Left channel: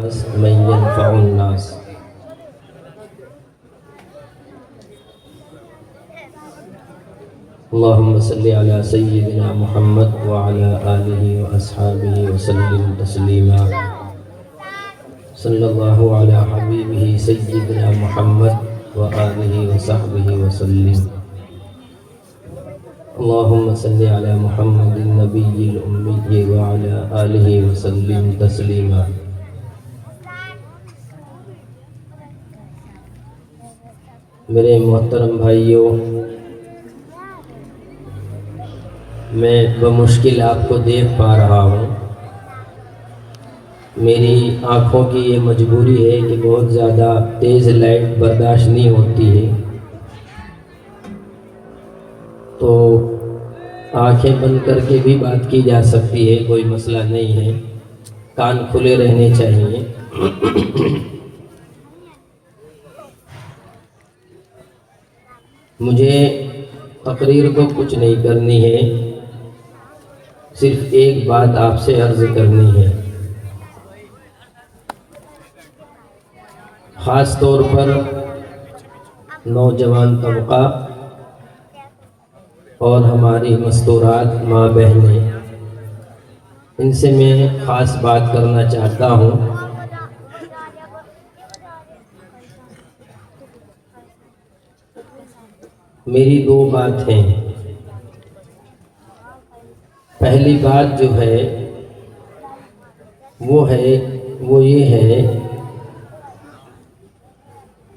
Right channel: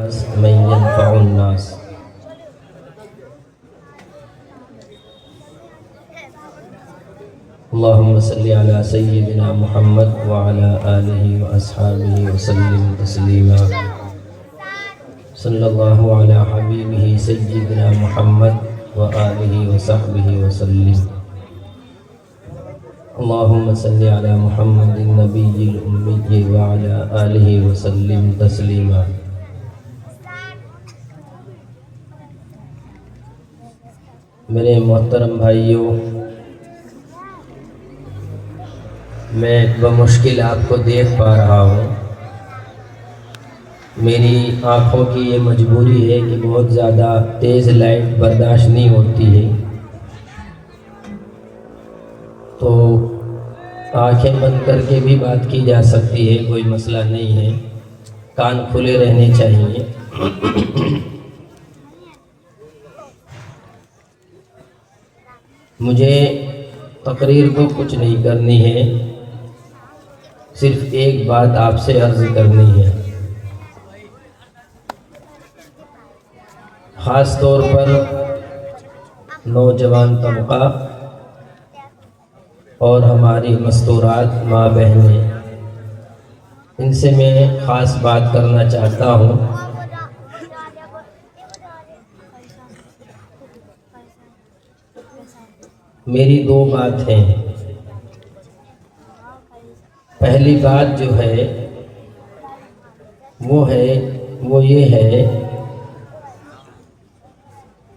من ينفع الناس. اللهم صل على سيدنا محمد وعلى آله وأصحابه وسلم تسليما. صلى الله على حبيبه سيدنا محمد وآله وصحبه وسلم. اللهم صل على محمد النبي الأمي وعلى آله وسلم تسليما. میرے محترم بھائیوں، میں بمشکل آپ کو دیکھ پا رہا ہوں. میری آنکھوں کی یہ مجبوری ہے کہ بہت زیادہ تیز لائٹ برداشت نہیں ہوتی ہے، تو آنکھیں بند کر کے بھی بات کی جا سکتی ہے، کوئی مسئلہ نہیں ہے. کان کھلے رہنے چاہیے. مجھے تقریر کو کچھ نہیں کرنی ہے، صرف ایک بات آپ سے عرض کرنی ہے. خاص طور پر نوجوان طبقہ اور ہماری مستورات ماں بہنیں، ان سے میں خاص بات کرنا چاہتا ہوں. میری دو بات ہیں. پہلی بات جو ہے وہ یہ ہے،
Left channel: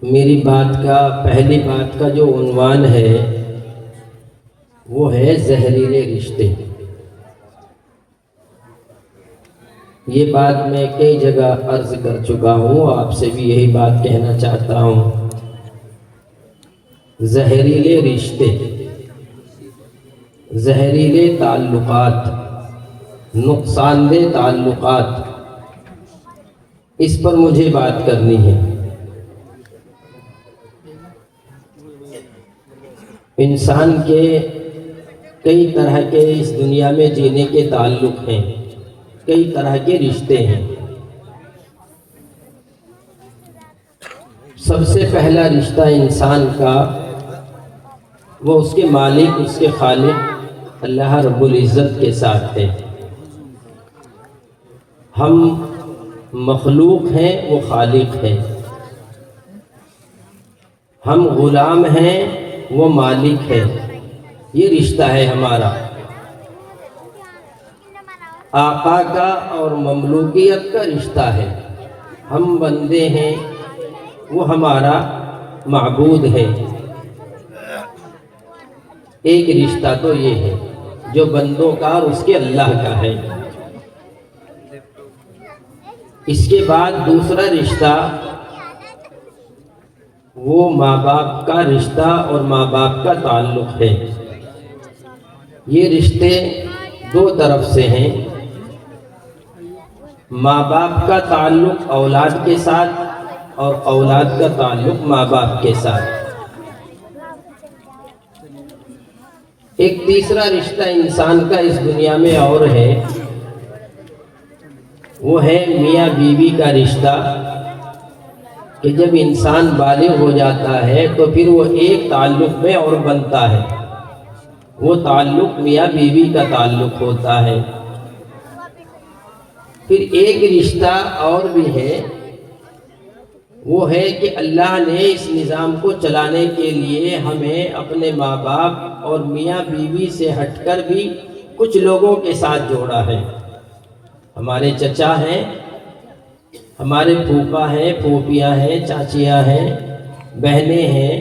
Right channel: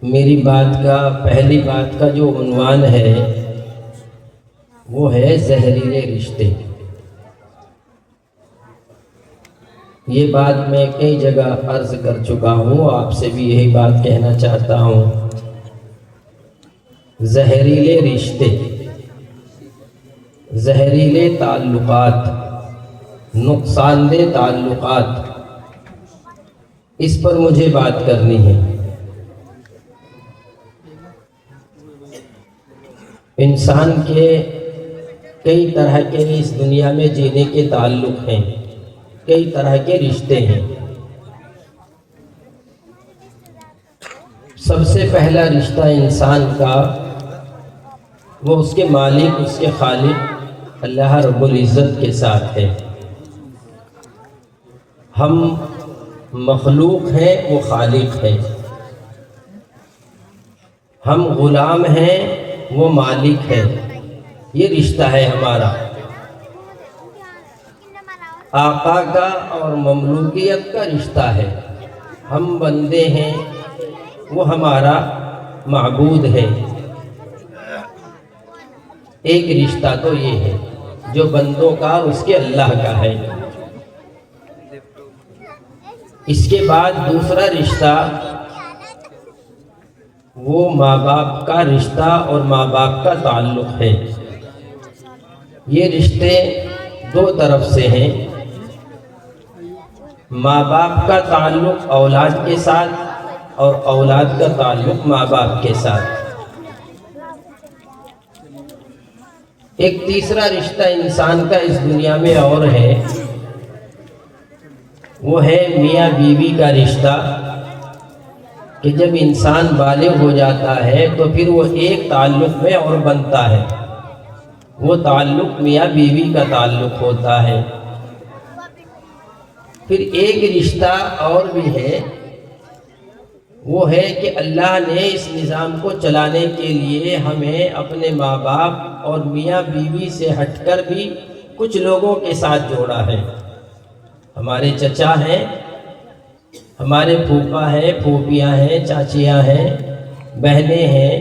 میری پہلی بات کا جو عنوان ہے وہ ہے زہریلے رشتے. یہ بات میں کئی جگہ عرض کر چکا ہوں، آپ سے بھی یہی بات کہنا چاہتا ہوں. زہریلے رشتے، زہریلے تعلقات، نقصان دہ تعلقات، اس پر مجھے بات کرنی ہے. انسان کے کئی طرح کے اس دنیا میں جینے کے تعلق ہیں، کئی طرح کے رشتے ہیں. سب سے پہلا رشتہ انسان کا وہ اس کے مالک، اس کے خالق اللہ رب العزت کے ساتھ ہے. ہم مخلوق ہیں، وہ خالق ہے. ہم غلام ہیں، وہ مالک ہے. یہ رشتہ ہے ہمارا. آقا کا اور مملوکیت کا رشتہ ہے. ہم بندے ہیں، وہ ہمارا معبود ہے. ایک رشتہ تو یہ ہے جو بندوں کا اور اس کے اللہ کا ہے. اس کے بعد دوسرا رشتہ وہ ماں باپ کا رشتہ اور ماں باپ کا تعلق ہے. یہ رشتے دو طرف سے ہیں. ماں باپ کا تعلق اولاد کے ساتھ اور اولاد کا تعلق ماں باپ کے ساتھ. ایک تیسرا رشتہ انسان کا اس دنیا میں اور ہے، وہ ہے میاں بیوی کا رشتہ. کہ جب انسان بالغ ہو جاتا ہے تو پھر وہ ایک تعلق میں اور بنتا ہے. وہ تعلق میاں بیوی کا تعلق ہوتا ہے. پھر ایک رشتہ اور بھی ہے، وہ ہے کہ اللہ نے اس نظام کو چلانے کے لیے ہمیں اپنے ماں باپ اور میاں بیوی سے ہٹ کر بھی کچھ لوگوں کے ساتھ جوڑا ہے. ہمارے چچا ہیں، ہمارے پھوپھا ہیں، پھوپھیاں ہیں، چاچیاں ہیں، بہنیں ہیں.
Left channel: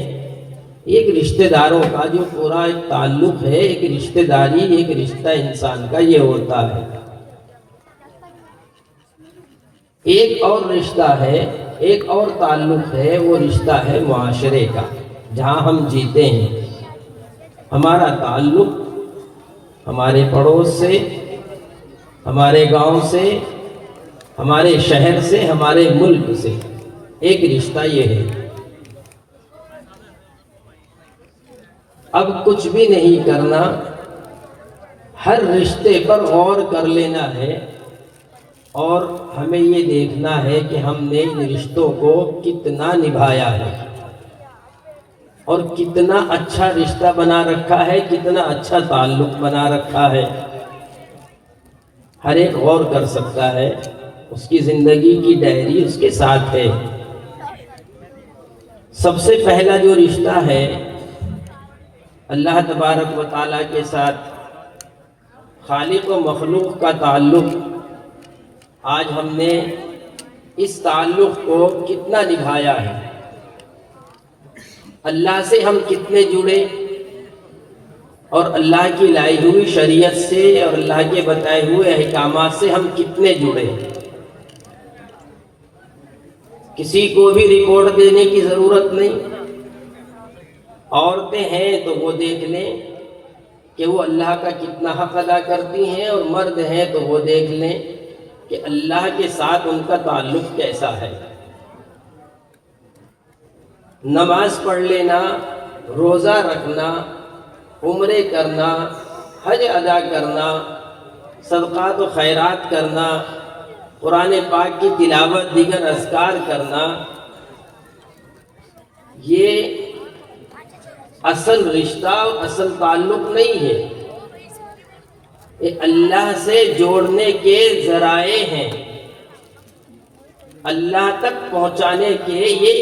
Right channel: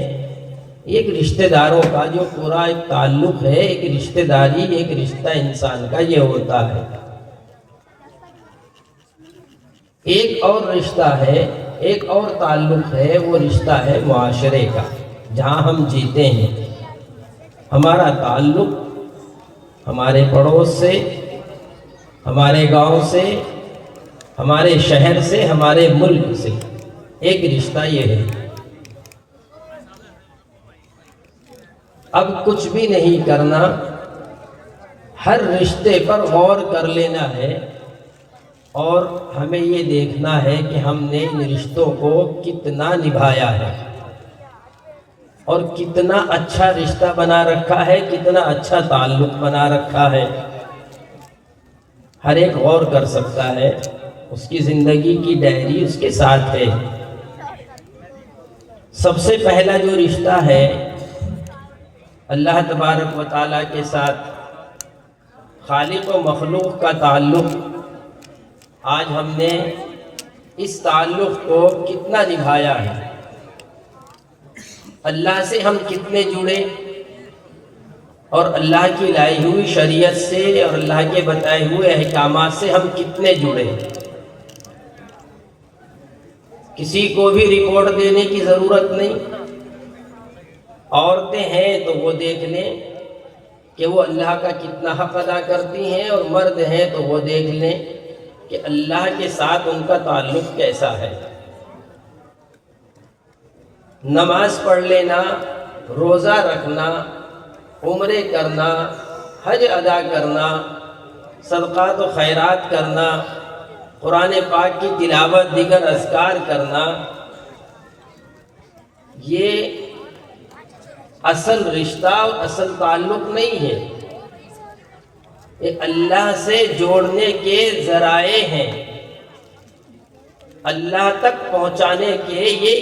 ایک رشتہ داروں کا جو پورا ایک تعلق ہے، ایک رشتہ داری، ایک رشتہ انسان کا یہ ہوتا ہے. ایک اور رشتہ ہے، ایک اور تعلق ہے، وہ رشتہ ہے معاشرے کا، جہاں ہم جیتے ہیں. ہمارا تعلق ہمارے پڑوس سے، ہمارے گاؤں سے، ہمارے شہر سے، ہمارے ملک سے. ایک رشتہ یہ ہے. اب کچھ بھی نہیں کرنا، ہر رشتے پر غور کر لینا ہے اور ہمیں یہ دیکھنا ہے کہ ہم نے ان رشتوں کو کتنا نبھایا ہے اور کتنا اچھا رشتہ بنا رکھا ہے، کتنا اچھا تعلق بنا رکھا ہے۔ ہر ایک غور کر سکتا ہے، اس کی زندگی کی ڈائری اس کے ساتھ ہے۔ سب سے پہلا جو رشتہ ہے اللہ تبارک و تعالیٰ کے ساتھ، خالق و مخلوق کا تعلق، آج ہم نے اس تعلق کو کتنا نبھایا ہے، اللہ سے ہم کتنے جڑے، اور اللہ کی لائی ہوئی شریعت سے اور اللہ کے بتائے ہوئے احکامات سے ہم کتنے جڑے۔ کسی کو بھی رپورٹ دینے کی ضرورت نہیں، عورتیں ہیں تو وہ دیکھ لیں کہ وہ اللہ کا کتنا حق ادا کرتی ہیں، اور مرد ہیں تو وہ دیکھ لیں کہ اللہ کے ساتھ ان کا تعلق کیسا ہے۔ نماز پڑھ لینا، روزہ رکھنا، عمرے کرنا، حج ادا کرنا، صدقات و خیرات کرنا، قرآن پاک کی تلاوت، دیگر اذکار کرنا، یہ اصل رشتہ اور اصل تعلق نہیں ہے، یہ اللہ سے جوڑنے کے ذرائع ہیں، اللہ تک پہنچانے کے یہ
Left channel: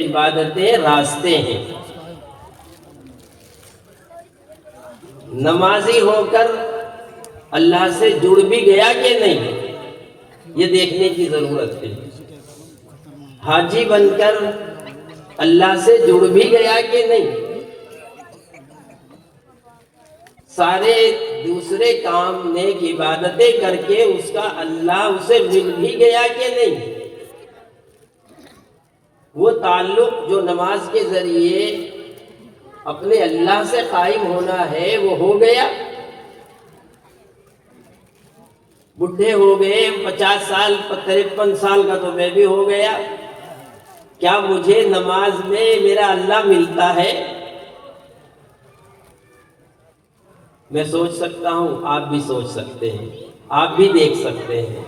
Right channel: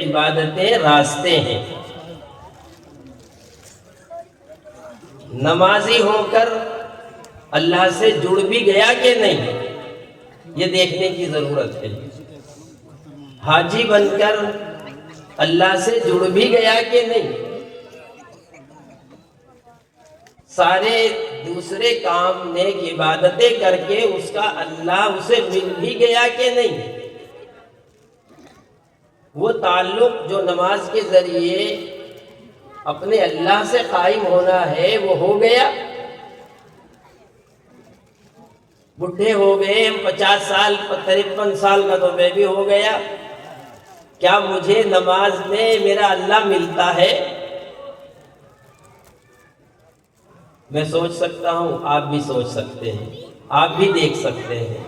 عبادتیں راستے ہیں۔ نمازی ہو کر اللہ سے جڑ بھی گیا کہ نہیں، یہ دیکھنے کی ضرورت ہے۔ حاجی بن کر اللہ سے جڑ بھی گیا کہ نہیں، سارے دوسرے کام نیک عبادتیں کر کے اس کا اللہ اسے مل بھی گیا کہ نہیں، وہ تعلق جو نماز کے ذریعے اپنے اللہ سے قائم ہونا ہے وہ ہو گیا۔ بڈھے ہو گئے، 50 سال 53 سال کا تو میں بھی ہو گیا، کیا مجھے نماز میں میرا اللہ ملتا ہے؟ میں سوچ سکتا ہوں، آپ بھی سوچ سکتے ہیں، آپ بھی دیکھ سکتے ہیں۔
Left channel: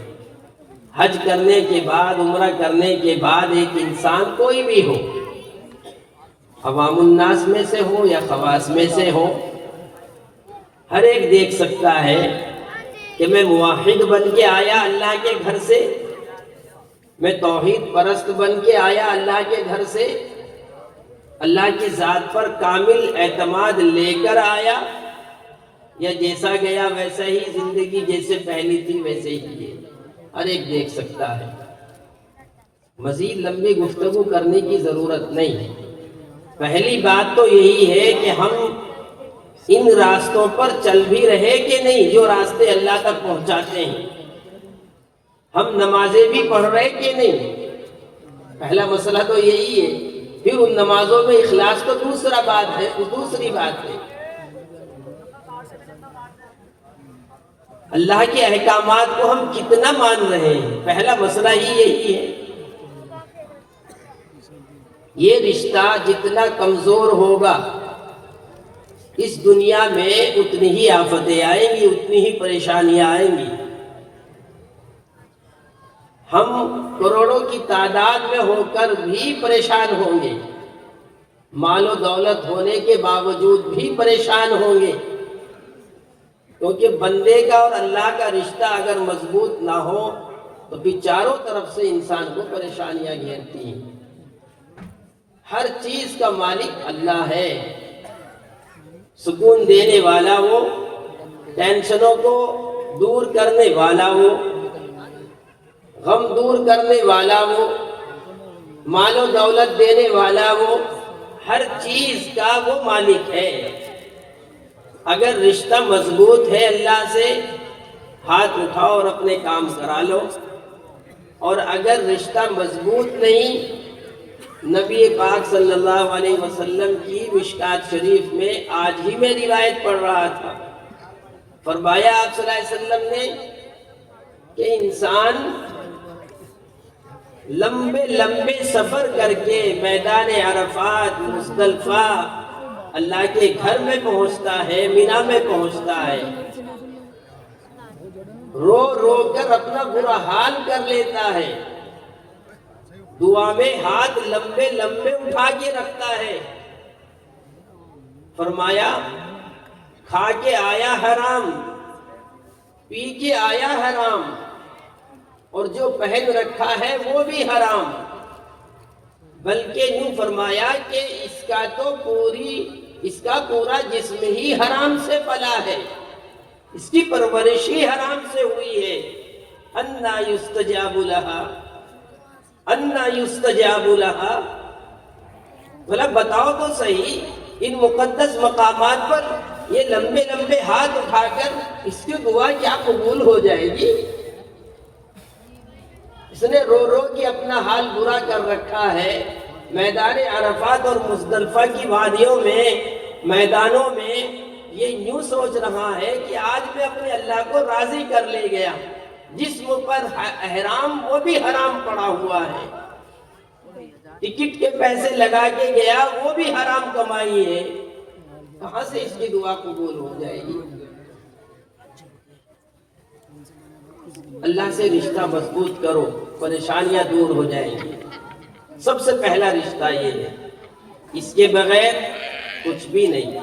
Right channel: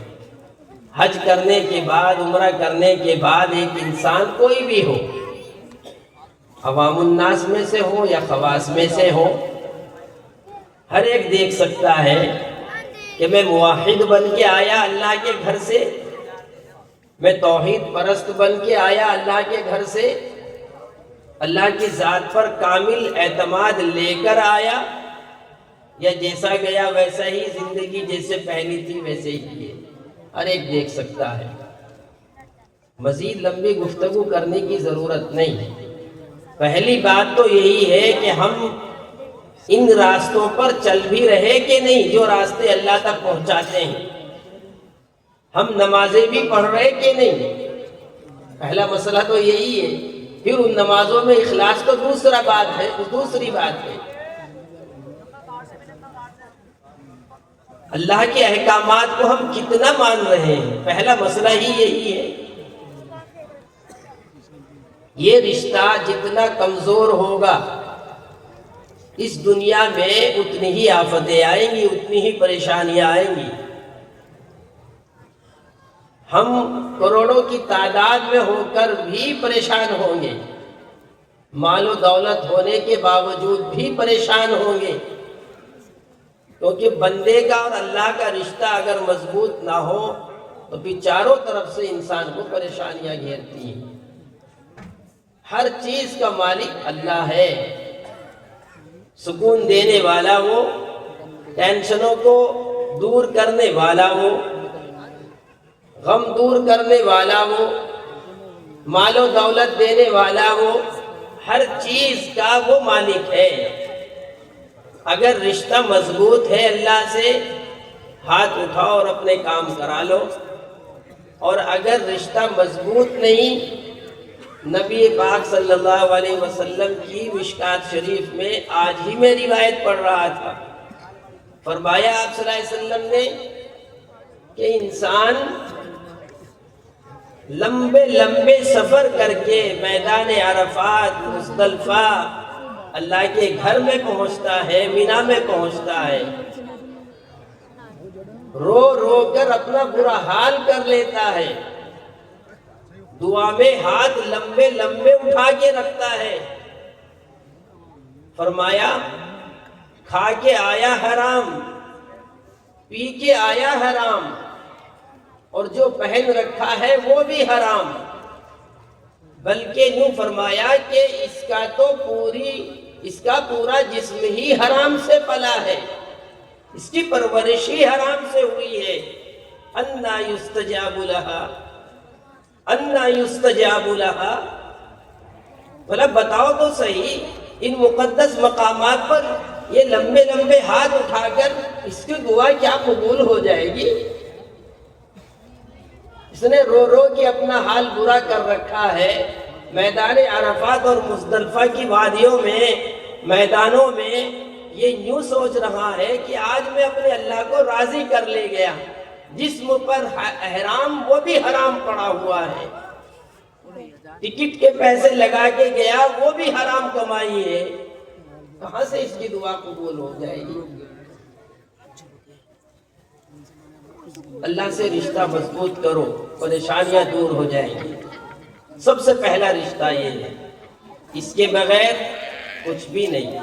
حج کرنے کے بعد، عمرہ کرنے کے بعد ایک انسان کوئی بھی ہو، عوام الناس میں سے ہو یا خواص میں سے ہو، ہر ایک دیکھ سکتا ہے کہ میں موحد بن کے آیا اللہ کے گھر سے، میں توحید پرست بن کے آیا اللہ کے گھر سے، اللہ کی ذات پر کامل اعتماد لے کر آیا، یا جیسا گیا ویسا ہی زندگی جیسے پہلی تھی ویسے ہی ہے۔ ہر ایک دیکھ سکتا ہے۔ مزید لمبی گفتگو کرنے کی ضرورت نہیں ہے۔ پہلی بات تو یہی ہے کہ ہم ان راستوں پر چل بھی رہے کہ نہیں جو راستے اللہ تک پہنچاتے ہیں، ہم نمازیں بھی پڑھ رہے کہ نہیں، پہلا مسئلہ تو یہی ہے۔ پھر ان نمازوں میں اخلاص تو دوسری بات ہے۔ اللہ کے احکامات کو ہم کتنا مان رہے ہیں، پہلا مسئلہ ہی یہی ہے۔ یہ رشتہ جتنا کمزور ہوگا اس دنیا میں اتنی ہی آفتیں آئیں گی، اتنی ہی پریشانیاں آئیں گی۔ ہم کروڑوں کی تعداد میں ہو کر بھی پریشان ہوں گے، مال و دولت ہونے کے باوجود بھی پریشان ہوں گے، کیونکہ بندے کا اور اللہ کا رشتہ اگر مضبوط نہ ہو تو پھر چاروں طرف سے انسان کو پریشانیاں گھیرتی ہیں۔ ہر چیز کا مالک اللہ ہے، سکون دینے والا وہ، ٹینشنوں کو دور کرنے والا وہ، غم دور کرنے والا وہ، مال و دولت دینے والا وہ، ہر چیز کا وہ مالک ہے۔ اگر رشتہ مضبوط ہے اللہ سے، ہاتھ اٹھاؤ اور اپنے کام کرا لو، اور اگر رشتہ مضبوط نہیں، نبی پاک صلی اللہ علیہ وسلم کی مشکات شریف میں آج ہی میں روایت پڑھ رہا تھا، فرمایا آپ صلی اللہ علیہ وسلم نے کہ انسان لمبے سفر کر کے میدان عرفات، مزدلفہ، اللہ کے گھر میں پہنچتا ہے، مینا میں پہنچتا ہے، رو رو کر اپنا برا حال کر لیتا ہے، دعا میں ہاتھ لمبے لمبے اٹھا کے رکھتا ہے۔ فرمایا کھا کے آیا حرام، پی کے آیا حرام، اور جو پہن رکھا ہے وہ بھی حرام۔ بلکہ یوں فرمایا کہ اس کا پورا جسم ہی حرام سے پلا ہے، اس کی پرورش ہی حرام سے ہوئی ہے۔ انا یستجاب لہا، انا یستجاب لہا۔ بھلا بتاؤ تو صحیح، ان مقدس مقامات پر یہ لمبے لمبے ہاتھ اٹھا کر اس کی دعا کیا قبول ہو جائے گی؟ اس نے رو رو کے اپنا حال برا کر رکھا ہے۔ میدان عرفات اور مزدلفہ کی وادیوں میں، میدانوں میں یہ یوں سوچ رہا ہے کہ آج میں اپنے اللہ کو راضی کر لے گیا، جسم پر احرام وہ بھی حرام پڑا ہوا ہے، ٹکٹ کے پیسے لگا کے گیا وہ بھی حرام کمائی ہے، کہاں سے اس کی دعا قبول ہو جائے گی؟ اللہ سے رشتہ مضبوط کرو، پریشانیاں دور ہو جائیں گی۔ سب سے پہلا رشتہ یہ ہے، اس کے بغیر کچھ بھی نہیں۔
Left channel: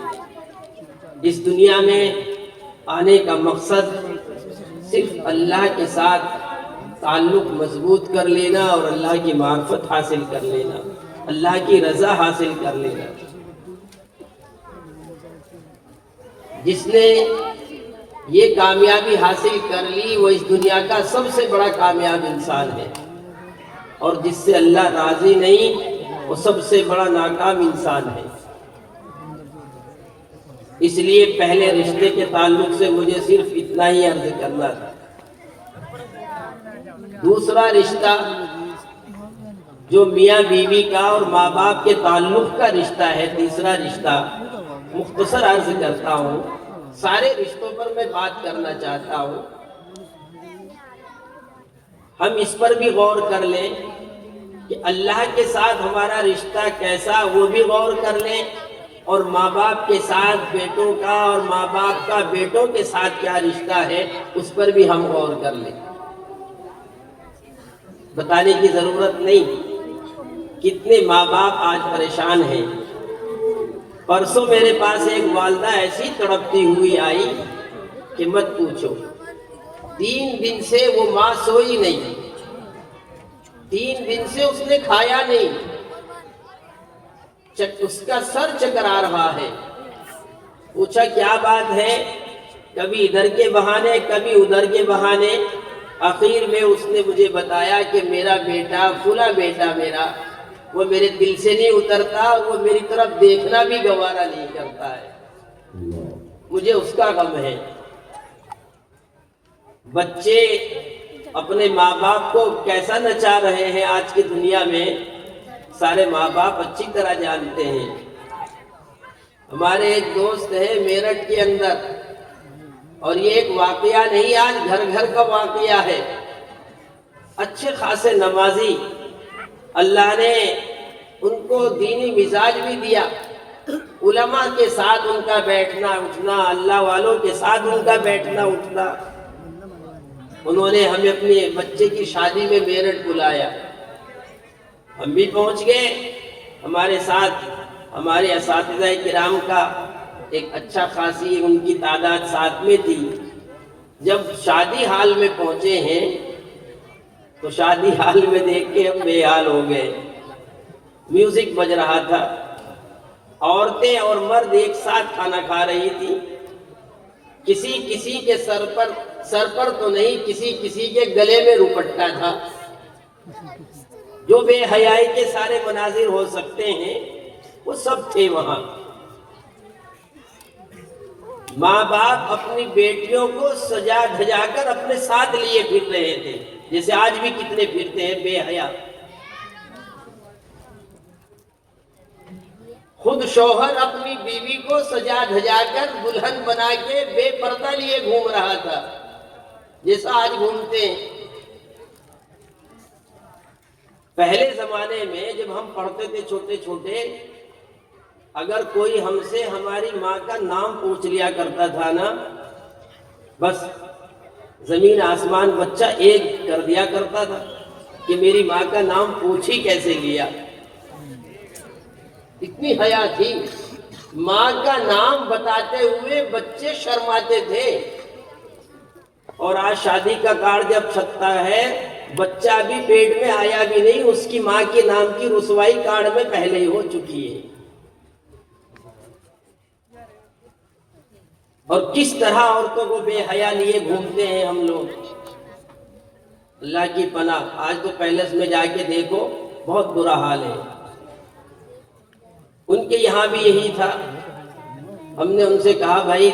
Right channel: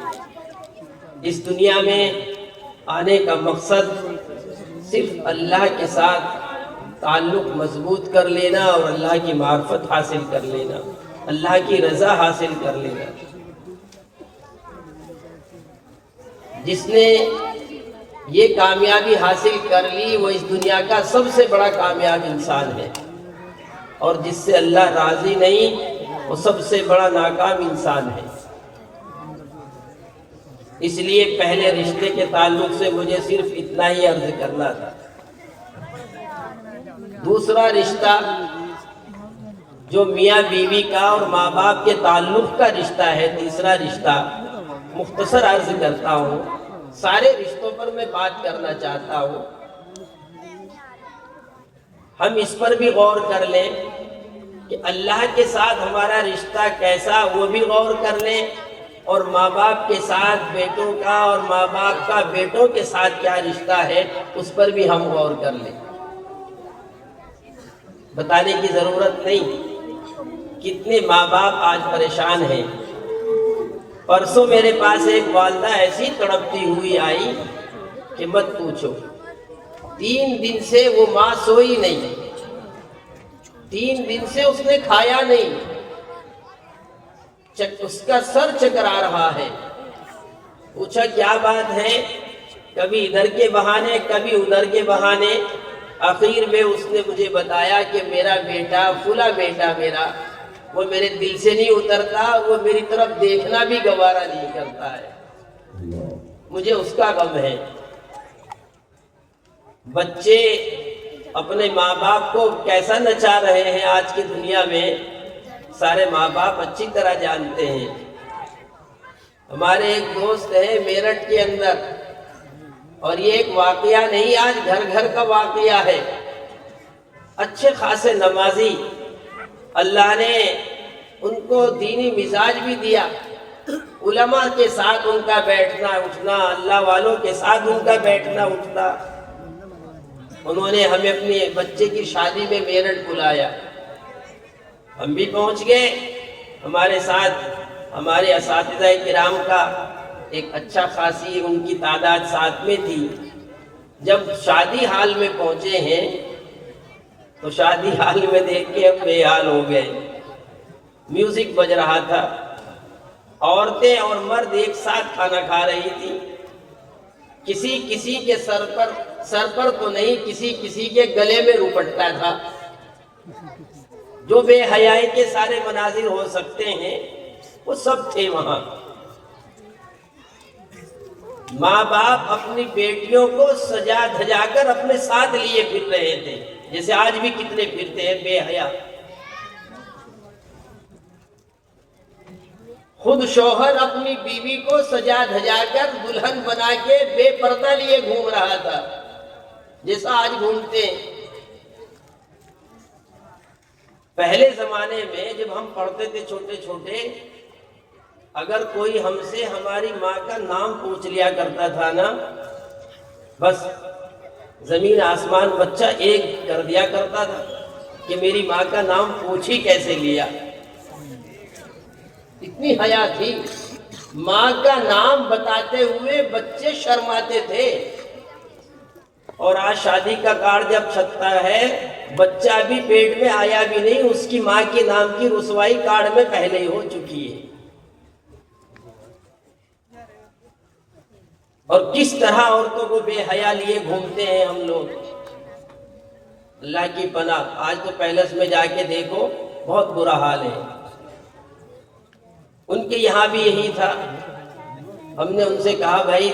اس دنیا میں آنے کا مقصد صرف اللہ کے ساتھ تعلق مضبوط کر لینا اور اللہ کی معرفت حاصل کر لینا، اللہ کی رضا حاصل کر لینا۔ جس نے یہ کامیابی حاصل کر لی وہ اس دنیا کا سب سے بڑا کامیاب انسان ہے، اور جس سے اللہ راضی نہیں وہ سب سے بڑا ناکام انسان ہے۔ اس لیے پہلے رشتے کے تعلق سے مجھے صرف اتنا ہی عرض کرنا تھا۔ دوسرا رشتہ جو میاں بیوی کا اور ماں باپ کے تعلق کا رشتہ ہے، تیسرا رشتہ مختصر عرض کرتا ہوں، سارے رشتوں پر میں بات کرنا چاہتا ہوں، ہم اس پر بھی غور کر لیں کہ اللہ کے ساتھ ہمارا رشتہ کیسا، وہ بھی غور کر لیں، اور ماں باپ کے ساتھ بیٹوں کا اور ماں باپ کا بیٹوں کے ساتھ کیا رشتہ ہے اس پر بھی ہم غور کر لیں۔ بتانے کی ضرورت نہیں کتنے ماں باپ آج پریشان ہیں۔ پرسوں میرے پاس ایک والدہ ایسی تڑپتی ہوئی آئی کہ مت پوچھو، 3 دن سے وہ ماں سوئی نہیں، 3 دن سے اس نے کھایا نہیں، اس کا سر چکرا رہا ہے۔ پوچھا کیا بات ہے؟ کبھی ادھر کے بہانے کبھی ادھر کے بہانے، آخر میں اس نے مجھے بتایا کہ میرا بیٹا، فلاں بیٹا میرا، وہ میرے دل سے نہیں اترتا، وہ میری طرف دیکھنا بھی گوارا نہیں کرتا ہے، مجھے اس کا غم ہے۔ بچے اپنے ماں باپ کو کیسا نچا رہے ہیں آج کی دنیا میں، سارے ماں باپ اچھی طرح جانتے ہیں۔ ہمارے ایک دوست ہے میرٹھ کے اندر، اور یہ ایک واقعہ نہیں، آج گھر گھر کا واقعہ ہے۔ اچھے خاصے نمازی، اللہ نے ان کو دینی مزاج بھی دیا، علماء کے ساتھ ان کا بیٹھنا اٹھنا، اللہ والوں کے ساتھ ان کا بیٹھنا اٹھنا۔ انہوں نے ہمیں اپنے بچے کی شادی میں میرٹھ بلایا، ہم بھی پہنچ گئے، ہمارے ساتھ ہمارے اساتذہ کرام کا ایک اچھا خاصی ان کی تعداد ساتھ میں تھی۔ جب شادی حال میں پہنچے ہیں تو شادی حال میں دیکھ کے ہم بے حال ہو گئے۔ میوزک بج رہا تھا، عورتیں اور مرد ایک ساتھ کھانا کھا رہی تھی، کسی کے سر پر تو نہیں، کسی کے گلے میں روپٹا تھا۔ جو بے حیائی کے سارے مناظر ہو سکتے ہیں وہ سب تھے وہاں۔ ماں باپ اپنی بیٹیوں کو سجا دھجا کر اپنے ساتھ لیے پھر رہے تھے، جیسے آج بھی کتنے پھرتے ہیں بے حیا۔ خود شوہر اپنی بیوی کو سجا دھجا کر دلہن بنا کے بے پردہ لیے گھوم رہا تھا، جیسا آج گھومتے ہیں۔ پہلے زمانے میں جب ہم پڑھتے تھے چھوٹے چھوٹے، اگر کوئی ہم سے ہماری ماں کا نام پوچھ لیا کرتا تھا نا، بس زمین آسمان بچہ ایک کر دیا کرتا تھا کہ میری ماں کا نام پوچھ ہی کیسے لیا. اتنی حیا تھی. ماں کا نام بتاتے ہوئے بچے شرماتے تھے. اور آج شادی کا کارڈ جب چھپتا ہے بچہ ابھی پیٹ میں آیا بھی نہیں، اس کی ماں کے نام کی رسوائی کارڈ میں پہلے ہی ہو چکی ہے. اور کس طرح عورتوں کو بے حیا لیے گھومتے ہیں ہم لوگ. اللہ کی پناہ. آج تو پیلس میں جا کے دیکھو بہت برا حال ہے. ان کے یہاں بھی یہی تھا. ہم نے ان سے کہا بھائی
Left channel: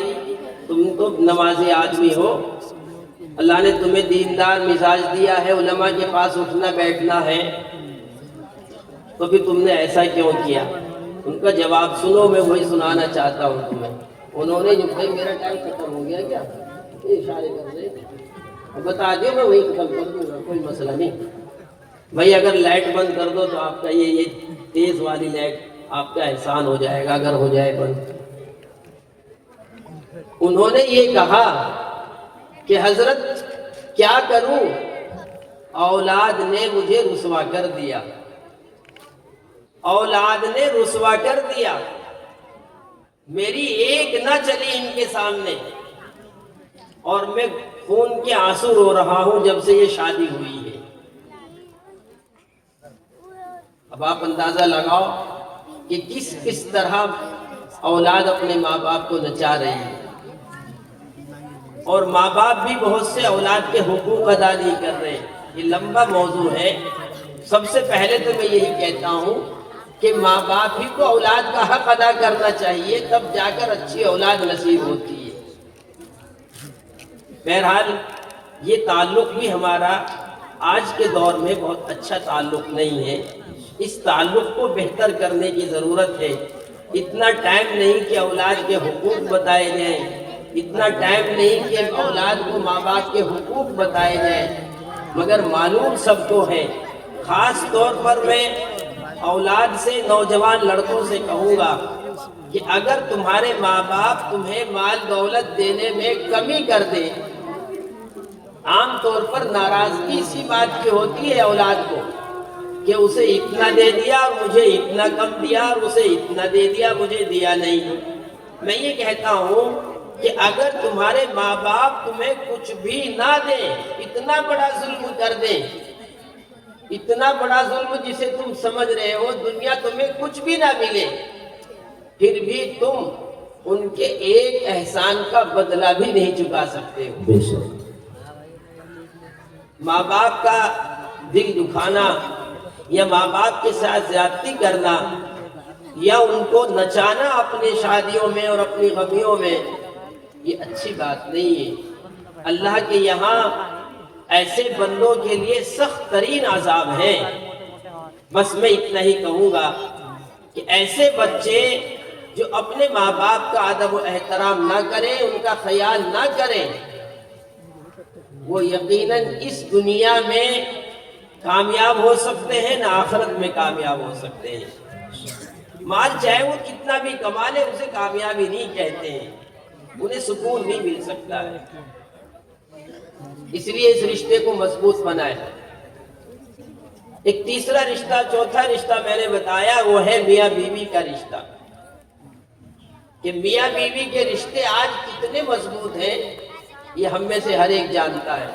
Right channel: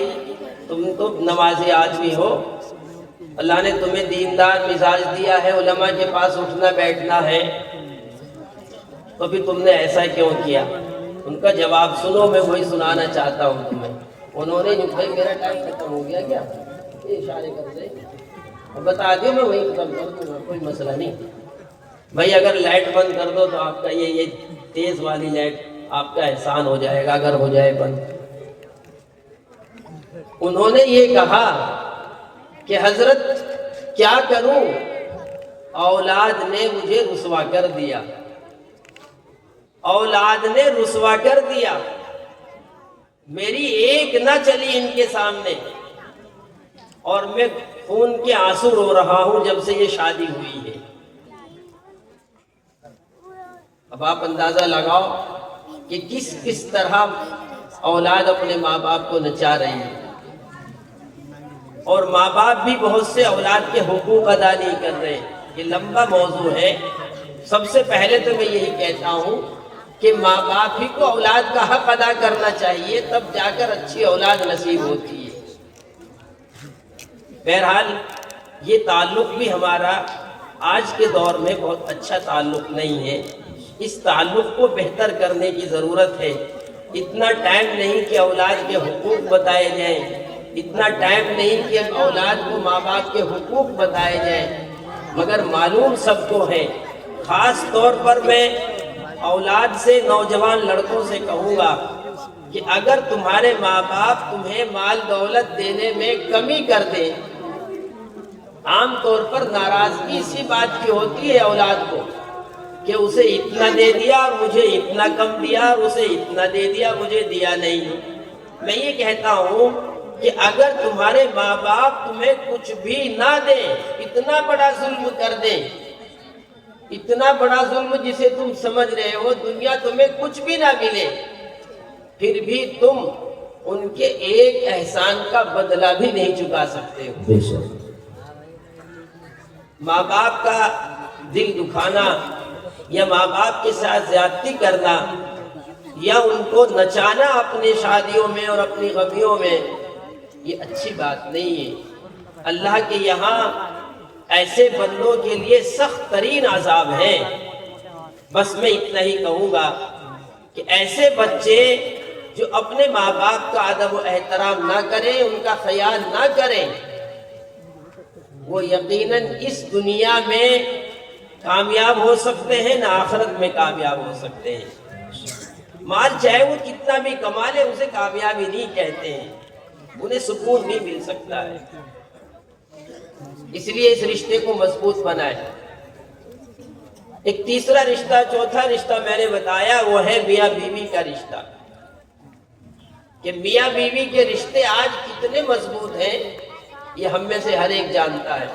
تم تو نمازی آدمی ہو، اللہ نے تمہیں دیندار مزاج دیا ہے، علماء کے پاس اٹھنا بیٹھنا ہے، تو پھر تم نے ایسا کیوں کیا؟ ان کا جواب سنو، میں وہی سنانا چاہتا ہوں تمہیں. انہوں نے بھائی میرا ٹائم ختم ہو گیا کیا؟ یہ اشارے کر دے بتا دیں، میں وہی ختم کر دوں گا، کوئی مسئلہ نہیں. بھائی اگر لائٹ بند کر دو تو آپ کا یہ تیز والی لائٹ آپ کا احسان ہو جائے گا اگر ہو جائے بند. انہوں نے یہ کہا کہ حضرت کیا کروں، اولاد نے مجھے رسوا کر دیا، اولاد نے رسوا کر دیا، میری ایک نہ چلی ان کے سامنے، اور میں خون کے آنسو رو رہا ہوں جب سے یہ شادی ہوئی ہے. اب آپ اندازہ لگاؤ کہ کس طرح اولاد اپنے ماں باپ کو نچا رہی ہے. اور ماں باپ بھی بہت سے اولاد کے حقوق ادا نہیں کر رہے. یہ لمبا موضوع ہے. سب سے پہلے تو میں یہی کہتا ہوں کہ ماں باپ ہی کو اولاد کا حق ادا کرنا چاہیے، تب جا کر اچھی اولاد نصیب ہوتی ہے. بہرحال یہ تعلق بھی ہمارا آج کے دور میں بہت اچھا تعلق نہیں ہے. اس تعلق کو بہتر کرنے کی ضرورت ہے. اتنا ٹائم نہیں کہ اولاد کے حقوق بتائے جائیں، اتنا ٹائم نہیں کہ اولاد کو ماں باپ کے حقوق بتائے جائیں، مگر معلوم سب کو ہے. خاص طور پر میں اولاد سے، نوجوان لڑکوں سے کہوں گا کہ اگر تمہارے ماں باپ تمہیں مال دولت دینے میں کمی کر دے، عام طور پر ناراضگی اسی بات کی ہوتی ہے اولاد کو کہ اسے اتنا دے دیا اور مجھے اتنا کم دیا، اور اسے اتنا دے دیا مجھے دیا نہیں. میں یہ کہتا ہوں کہ اگر تمہارے ماں باپ تمہیں کچھ بھی نہ دیں، اتنا بڑا ظلم کر دیں، اتنا بڑا ظلم جسے تم سمجھ رہے ہو، دنیا تمہیں کچھ بھی نہ ملے، پھر بھی تم ان کے ایک احسان کا بدلہ بھی نہیں چکا سکتے ہو. بے شک ماں باپ کا دل دکھانا یا ماں باپ کے ساتھ زیادتی کرنا یا ان کو نچانا اپنی شادیوں میں اور اپنی غمیوں میں، یہ اچھی بات نہیں ہے. اللہ کے یہاں ایسے بندوں کے لیے سخت ترین عذاب ہے. بس میں اتنا ہی کہوں گا کہ ایسے بچے جو اپنے ماں باپ کا ادب و احترام نہ کریں، ان کا خیال نہ کریں، وہ یقیناً اس دنیا میں کامیاب ہو سکتے ہیں، نہ آخرت میں کامیاب ہو سکتے ہیں. مال چاہے وہ کتنا بھی کما لے، اسے کامیابی نہیں کہتے ہیں، انہیں سکون نہیں مل سکتا ہے. اس لیے اس رشتے کو مضبوط بنائے. ایک تیسرا رشتہ، چوتھا رشتہ میں نے بتایا، وہ ہے میاں بیوی کا رشتہ. کہ میاں بیوی کے رشتے آج کتنے مضبوط ہیں یہ ہم میں سے ہر ایک جانتا ہے.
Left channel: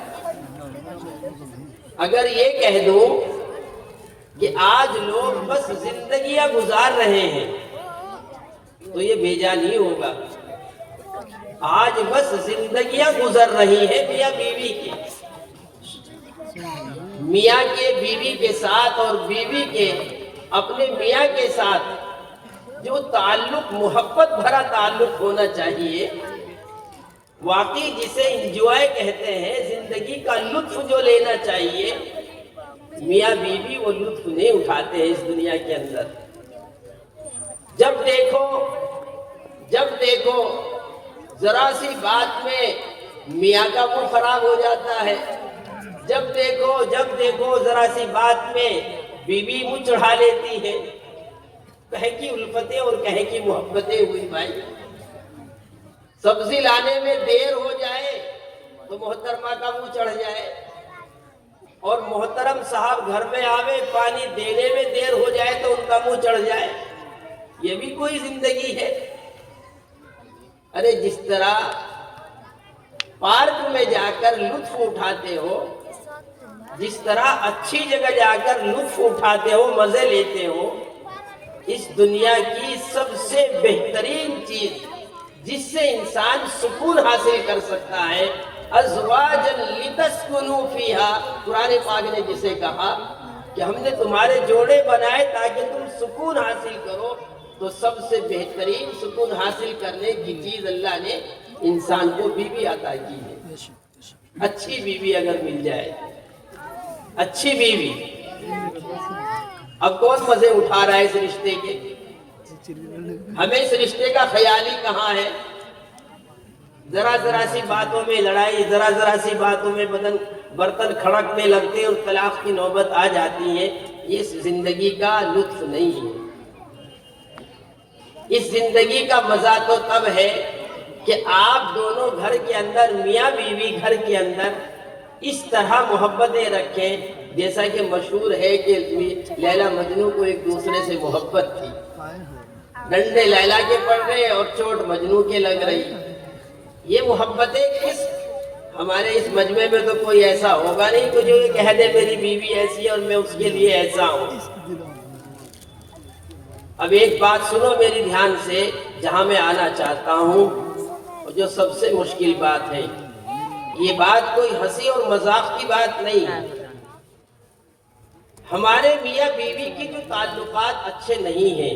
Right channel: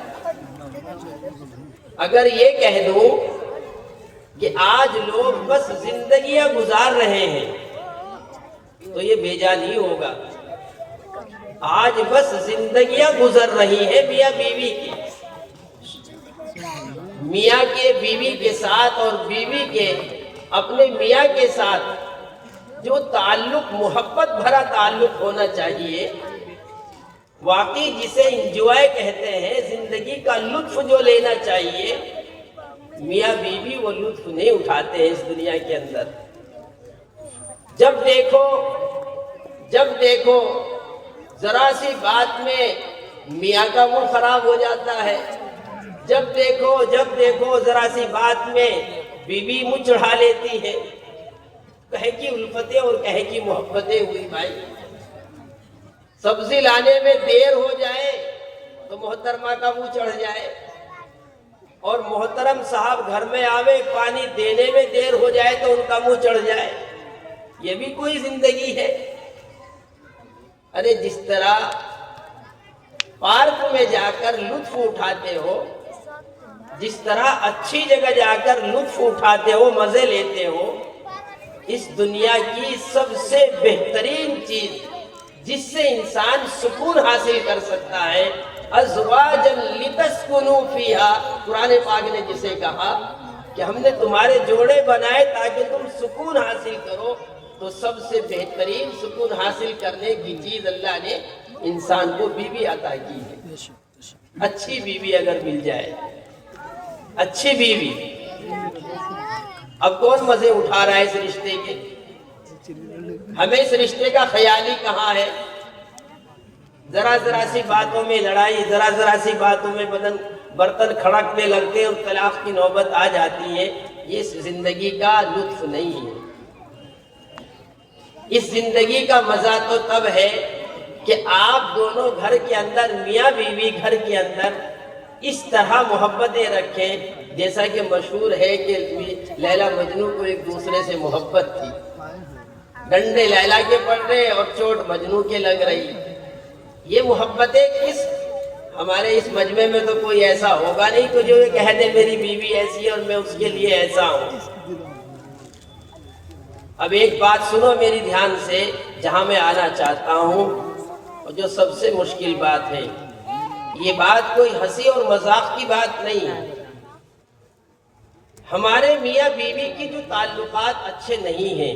اگر یہ کہہ دوں کہ آج لوگ بس زندگیاں گزار رہے ہیں تو یہ بھیجا نہیں ہوگا. آج بس زندگیاں گزر رہی ہیں میاں بیوی کی. میاں کے بیوی کے ساتھ اور بیوی کے اپنے میاں کے ساتھ جو تعلق، محبت بھرا تعلق ہونا چاہیے، واقعی جسے انجوائے کہتے ہیں، زندگی کا لطف جو لینا چاہیے، میاں بیوی وہ لطف نہیں اٹھاتے ہیں اس دنیا کے اندر. جب دیکھو ذرا سی بات میں میاں کا منہ خراب ہو جاتا ہے. جب دیکھو ذرا سی بات میں بیوی منہ چڑھا لیتی ہے. کہیں کی الفتیں اور کہیں کی محبتیں ہوئی بھائی. سبزی لانے میں دیر ہو جائے تو محترمہ کا منہ چڑھ جائے، اور محترم صاحب گھر میں آوے پانی دینے میں دیر ہو جائے تو ان کا منہ چڑھ جائے۔ یہ بھی کوئی زندگی ہے؟ ارے جس طرح پارک میں جا کر لطف اٹھاتے ہو، جس طرح اچھی جگہ جا کر لطف اٹھاتے ہو، مزے لیتے ہو، اس دنیا کی سب سے بہترین چیز جس سے انسان سکون حاصل کر سکتا ہے، ازواجا لتسکنوا فیہا، قرآن پاک نے جسے کہا کہ ہم نے تمہارے جوڑے بنائے تاکہ تم سکون حاصل کرو، تو سب سے بہترین سکون حاصل کرنے کی چیز اللہ نے انسان کو بیوی عطا کی ہے۔ اچھی بیوی اگر مل جائے، اچھی بیوی، اب کون مزے اٹھا رہا ہے اس رشتے کے؟ ہمیں اس رشتے کا خیال ہی کہاں ہے؟ ذرا ذرا سی باتوں میں لڑائی، ذرا سی باتوں میں برتن کھڑکنے لگتے ہیں اور طلاق کی نوبت آ جاتی ہے۔ یہ اس زندگی کا لطف نہیں ہے۔ اس زندگی کا مزہ تو تب ہے کہ آپ دونوں گھر کے اندر، میاں بیوی گھر کے اندر اس طرح محبتیں رکھیں، جیسا کہ مشہور ہے کہ لیلا مجنوں کو ایک دوسرے سے محبت تھی، ڈنڈے لیلا کے پڑ رہے اور چوٹ مجنوں کے لگ رہی۔ یہ محبتیں ہمارے اس مجمع میں تو کوئی ایسا ہوگا نہیں کہ جو یہ کہہ دے میری بیوی ایسی ہے اور میں اس کے لیے ایسا ہوں۔ اب ایک بات سنو میری دھیان سے، جہاں میں آنا چاہتا ہوں، اور جو سب سے مشکل بات ہے، یہ بات کوئی ہنسی اور مذاق کی بات نہیں ہے۔ ہمارے میاں بیوی کی جو تعلقات اچھے نہیں ہیں،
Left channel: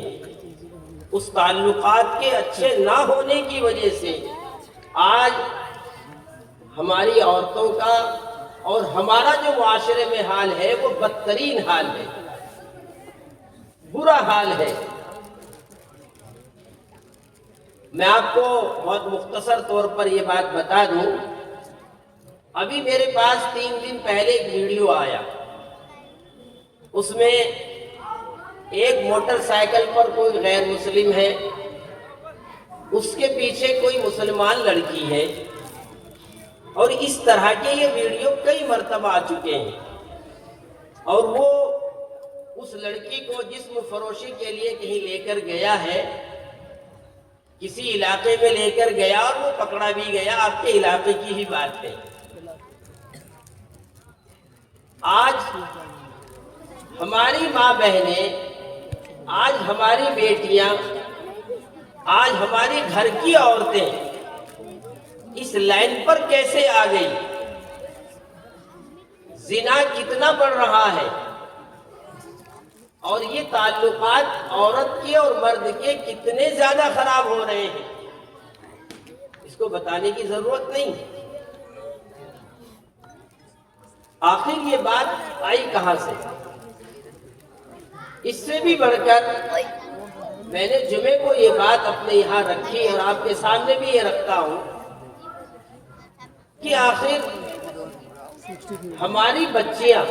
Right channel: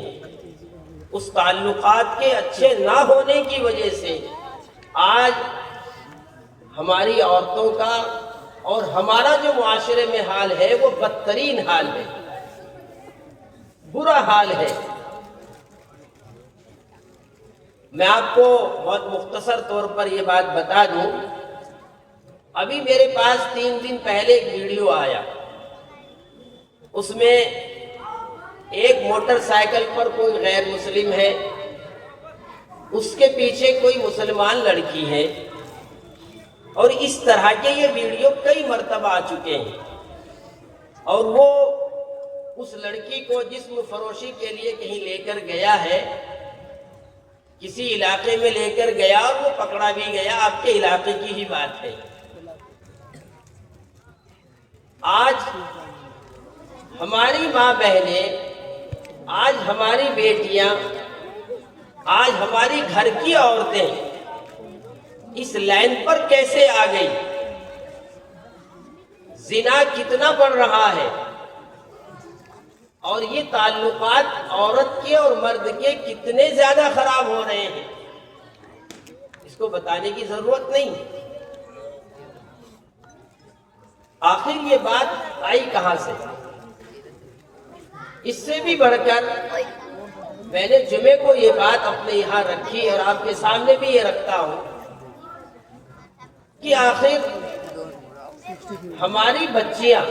اس تعلقات کے اچھے نہ ہونے کی وجہ سے آج ہماری عورتوں کا اور ہمارا جو معاشرے میں حال ہے وہ بدترین حال ہے، برا حال ہے۔ میں آپ کو بہت مختصر طور پر یہ بات بتا دوں، ابھی میرے پاس 3 دن پہلے ایک ویڈیو آیا، اس میں ایک موٹر سائیکل پر کوئی غیر مسلم ہے، اس کے پیچھے کوئی مسلمان لڑکی ہے، اور اس طرح کے یہ ویڈیو کئی مرتبہ آ چکے ہیں، اور وہ اس لڑکی کو جسم فروشی کے لیے کہیں لے کر گیا ہے، کسی علاقے میں لے کر گیا اور وہ پکڑا بھی گیا، آپ کے علاقے کی ہی بات ہے۔ آج ہماری ماں بہنیں، آج ہماری بیٹیاں، آج ہماری گھر کی عورتیں اس لائن پر کیسے آ گئی؟ زنا کتنا بڑھ رہا ہے، اور یہ تعلقات عورت کے اور مرد کے کتنے زیادہ خراب ہو رہے ہیں، اس کو بتانے کی ضرورت نہیں۔ آخر یہ بات آئی کہاں سے؟ اس سے بھی بڑھ کر میں نے جمعے کو یہ بات اپنے یہاں رکھی اور آپ کے سامنے بھی یہ رکھتا ہوں کہ آخر ہماری بچیاں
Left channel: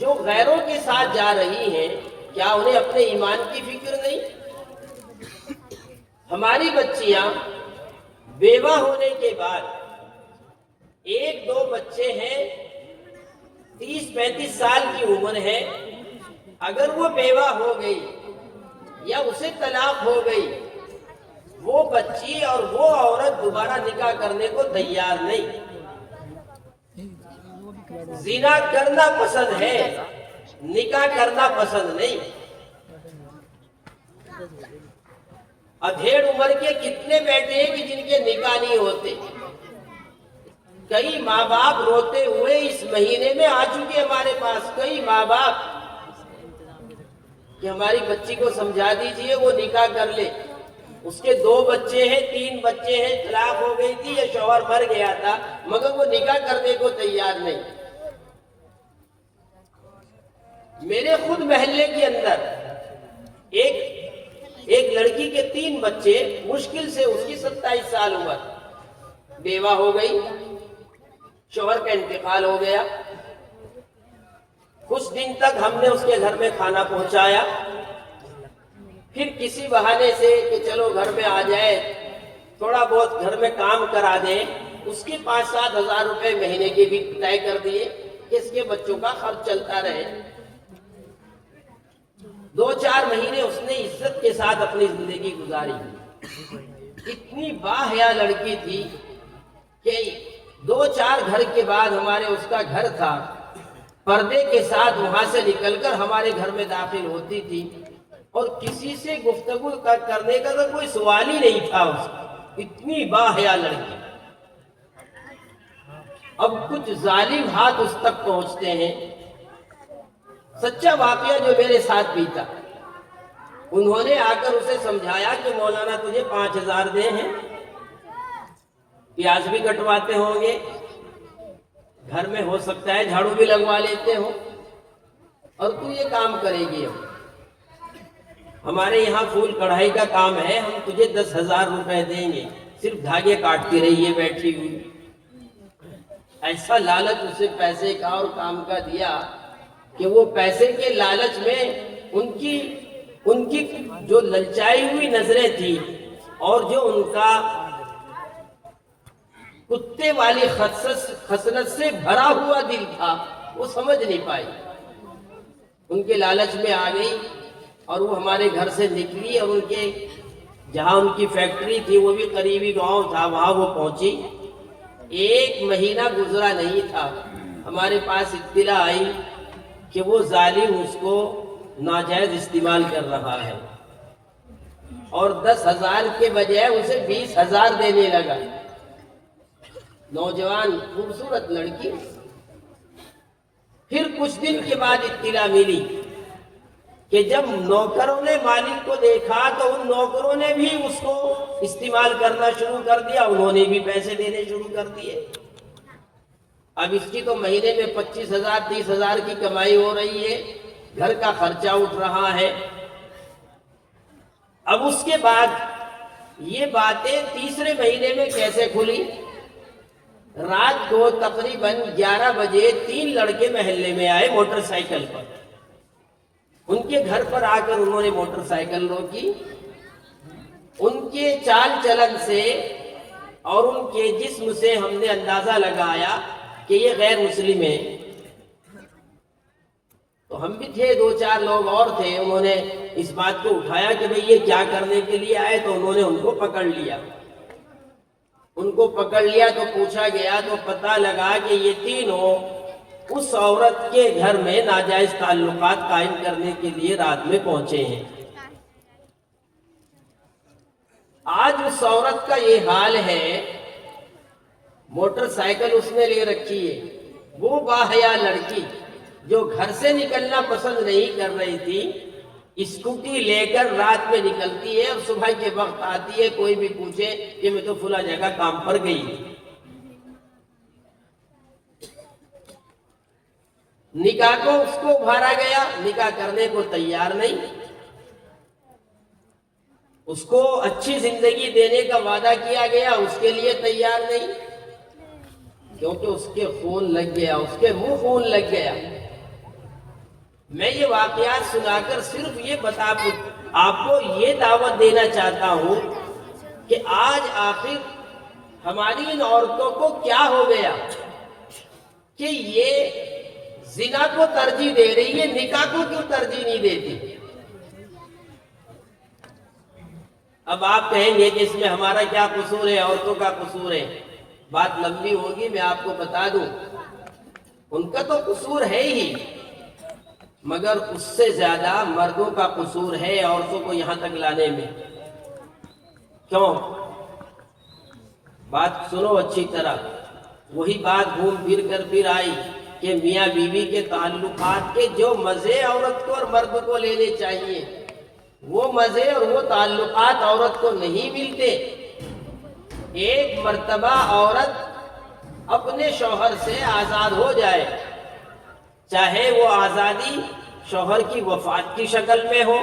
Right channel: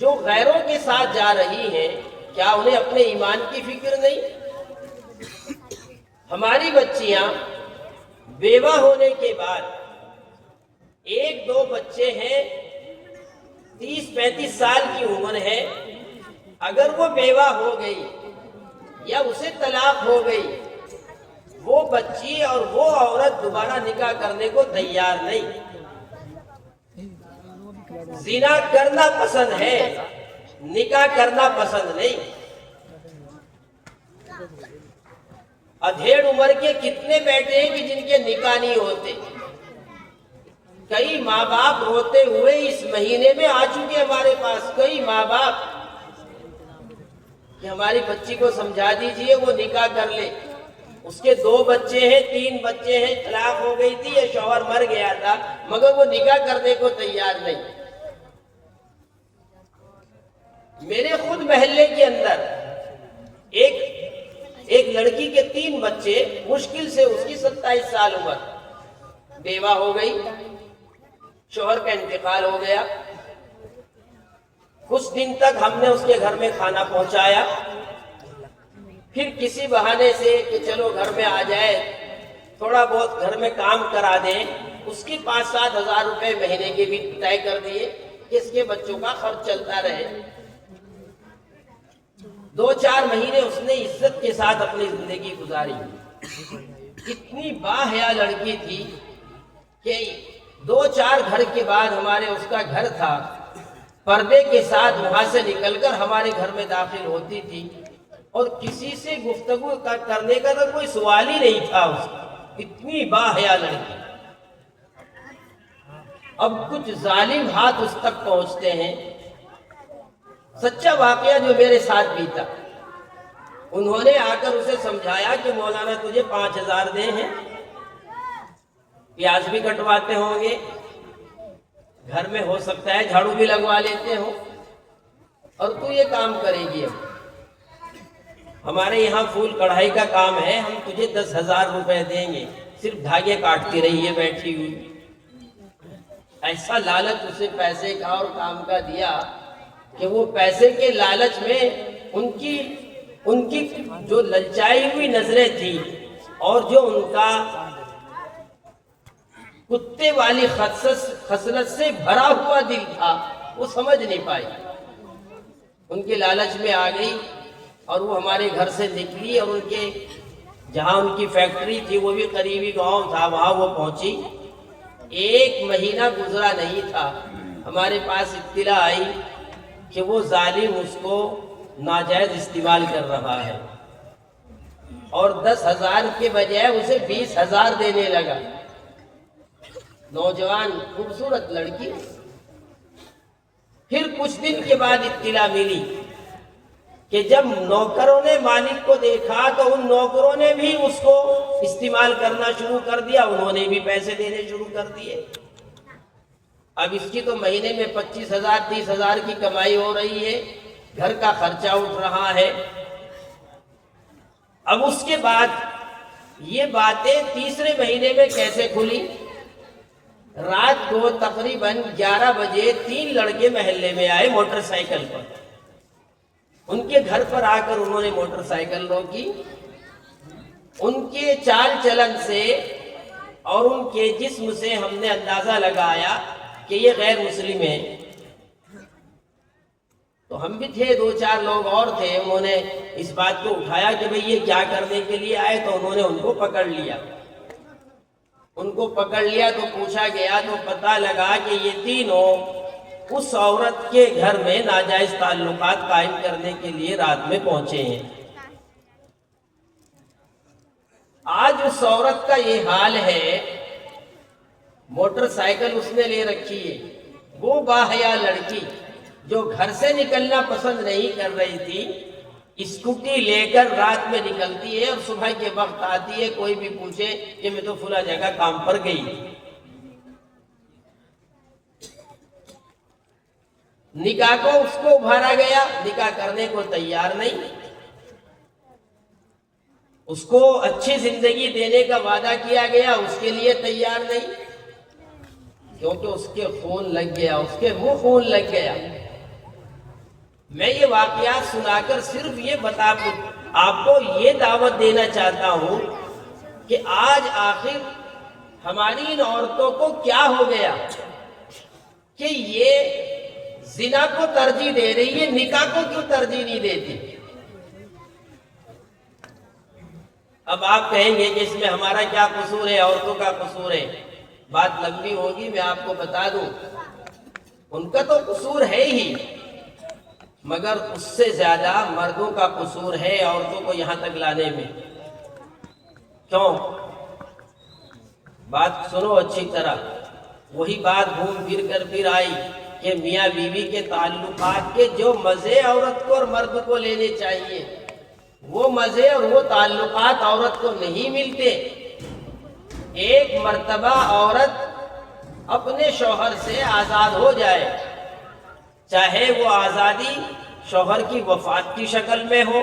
جو غیروں کے ساتھ جا رہی ہیں، کیا انہیں اپنے ایمان کی فکر نہیں؟ ہماری بچیاں بیوہ ہونے کے بعد، 1-2 بچے ہیں، 30-35 سال کی عمر ہے، اگر وہ بیوہ ہو گئی یا اسے طلاق ہو گئی، وہ بچی اور وہ عورت دوبارہ نکاح کرنے کو تیار نہیں۔ زنا کرنا پسند ہے، نکاح کرنا پسند نہیں۔ ادھیڑ عمر کے کتنے بیٹے ہیں کہ جن کے نکاح نہیں ہوتے؟ کئی ماں باپ روتے ہوئے اس مہینے میں آ چکے ہمارے پاس، کئی ماں باپ کہ ہماری بچی کو سمجھا دیجئے وہ نکاح کر لے، اس کے 2 بچے ہیں، 3 بچے ہیں، طلاق ہو گئی تھی یا شوہر مر گیا تھا، مگر وہ نکاح کرنے کو تیار نہیں۔ میرے خود محلے کے اندر ایک لڑکی کے 3 بچے، مشکل سے اس کی 27 سال عمر، بیوہ ہو گئی، شوہر کا انتقال ہو گیا، کچھ دن تک ہم نے اس کے گھر میں کھانا پہنچایا، پھر کسی بہانے سے کہ چلو گھر میں آ جائے، تھوڑا بہت گھر میں کام کرا دیں، اس کے 5-7 ہزار روپے مہینے کے بھی طے کر دیے کہ اس کے بچوں کا خرچ چلتا رہے۔ 2-4 مہینے اس نے عزت کے ساتھ اپنی زندگی گزاری۔ اتنی باحیا لڑکی تھی کہ 2-4 گھر کے بعد ہمارے اس کا گھر تھا، پردے کے ساتھ وہاں سے نکل کر ہمارے گھر میں داخل ہوتی تھی اور کسی سے گفتگو کرنے کا تو کوئی سوال ہی نہیں تھا اس کا، اتنی باحیا لڑکی۔ اب کچھ ظالم ہاتھ اس تک پہنچتے ہیں۔ سچا واقعہ جو میرے ساتھ بیتا، انہوں نے آ کر اسے سمجھایا کہ مولانا تجھے 5,000 دے ہیں، پیاز بھی کٹواتے ہوں گے، گھر میں ہو سکتا ہے جھاڑو بھی لگوا لیتے ہو، اور تو یہ کام کرے گی۔ اب ہمارے یہاں پھول کڑھائی کا کام ہے، ہم تجھے 10,000 روپے دیں گے، صرف دھاگے کاٹتی رہیے بیٹھی ہوئی۔ ایسا لالچ اسے پیسے کا اور کام کا دیا کہ وہ پیسے کے لالچ میں ان کی جو للچائی ہوئی نظریں تھیں اور جو ان کا کتے والی خصلت سے بھرا ہوا دل تھا، وہ سمجھ نہیں پائی، ان کے لالچ میں آ گئی اور وہ ہمارے گھر سے نکلی اور ان کے جہاں ان کی فیکٹری تھی وہ بھی قریبی گاؤں تھا، وہاں وہ پہنچی۔ 1 مہینہ گزرا نہیں تھا، ہمارے پاس اطلاع آئی کہ وہ ظالم اس کو ناجائز استعمال کر رہا ہے اور 10,000 کے بجائے اسے 20,000 دینے لگا۔ نوجوان خوبصورت لڑکی۔ پھر کچھ دن کے بعد اطلاع ملی کہ جب نوکروں نے مالک کو دیکھا تو ان نوکروں نے بھی اس کو استعمال کرنا شروع کر دیا، انہوں نے بھی پیسے دینے شروع کر دیے۔ اب اس کی تو مہینے میں 25,000 30,000 کی کمائی ہو رہی ہے، گھر کا خرچہ اٹھ رہا ہے۔ اب اس کے بعد یہ باتیں تیسرے مہینے میں کیسے کھلی؟ رات کو تقریباً 11 بجے 3 لڑکے محلے میں آئے موٹر سائیکل پر۔ ان کے گھر پر آ کر انہوں نے موٹر سائیکل روکی۔ ان کے چال چلن سے اور ان کے جسم سے ہم نے اندازہ لگایا کہ یہ غیر مسلم ہیں۔ تو ہم بھی تھے، 2-4 لوگ اور تھے، انہوں نے اس بات کو اٹھایا کہ بھئی یہ کیا کرنے کے لیے آئے، تو انہوں نے ان کو پکڑ لیا۔ ان کو پکڑ لیا تو پوچھا گیا تو پتہ لگا کہ یہ تینوں اس عورت کے گھر میں ناجائز تعلقات قائم کرنے کے لیے رات میں پہنچے ہیں۔ آج اس عورت کا یہ حال ہے، موٹر سائیکل اس نے لے رکھی ہے، وہ باحیا لڑکی جو گھر سے نکلنا پسند نہیں کر رہی تھی، اسکوٹی لے کر رات میں نکلتی ہے اور صبح کے وقت آتی ہے، کوئی بھی پوچھے کہ میں تو فلاں جگہ کام پر گئی تھی۔ نکاح کو اس کو ابھارا گیا، نکاح کرنے کو تیار نہیں، اس کو اچھی زندگی دینے کا وعدہ کیا گیا، اس کے لیے تیار نہیں، کیونکہ اس کے خون لگ گیا، اس کے منہ خون لگ گیا۔ میں یہ واقعات سنا کر صرف یہ آپ کو یہ دعوت دینا چاہتا ہوں کہ آج آخر ہماری ان عورتوں کو کیا ہو گیا کہ یہ زنا کو ترجیح دے رہی ہے، نکاح کو کیوں ترجیح نہیں دیتی؟ اب آپ کہیں گے کہ اس میں ہمارا کیا قصور ہے، عورتوں کا قصور ہے، بات لمبی ہوگی، میں آپ کو بتا دوں ان کا تو قصور ہے ہی، مگر اس سے زیادہ مردوں کا قصور ہے عورتوں کو یہاں تک لانے میں۔ کیوں؟ بات سنو اچھی طرح، وہی بات گھوم پھر کر پھر آئی کہ میاں بیوی کے تعلقات کے جو مزے عورت کو اور مرد کو لینے چاہیے، وہ مزے اور وہ تعلقات عورت کو نہیں ملتے۔ ایک مرتبہ عورت اپنے شوہر سے آزاد ہو جائے، چاہے وہ آزادی شوہر کی وفات کی شکل میں ہو،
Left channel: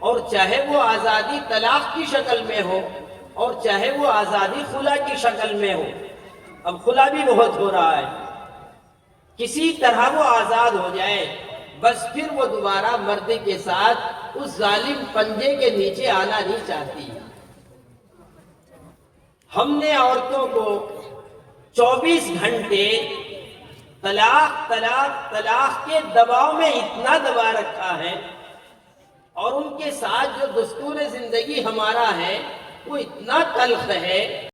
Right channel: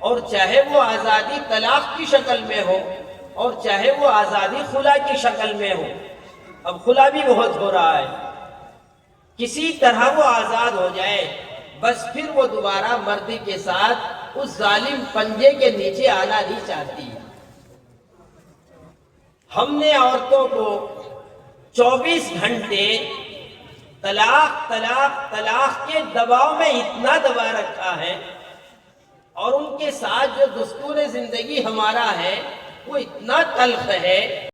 اور چاہے وہ آزادی طلاق کی شکل میں ہو، اور چاہے وہ آزادی خلا کی شکل میں ہو۔ اب خلا بھی بہت ہو رہا ہے، کسی طرح وہ آزاد ہو جائے، بس پھر وہ دوبارہ مرد کے ساتھ اس ظالم پنجے کے نیچے آنا نہیں چاہتی۔ ہم نے عورتوں کو 24 گھنٹے طلاق طلاق طلاق کے دباؤ میں اتنا دبا رکھا ہے، اور ان کے ساتھ جو دستور زندگی ہمارا ہے وہ اتنا تلخ ہے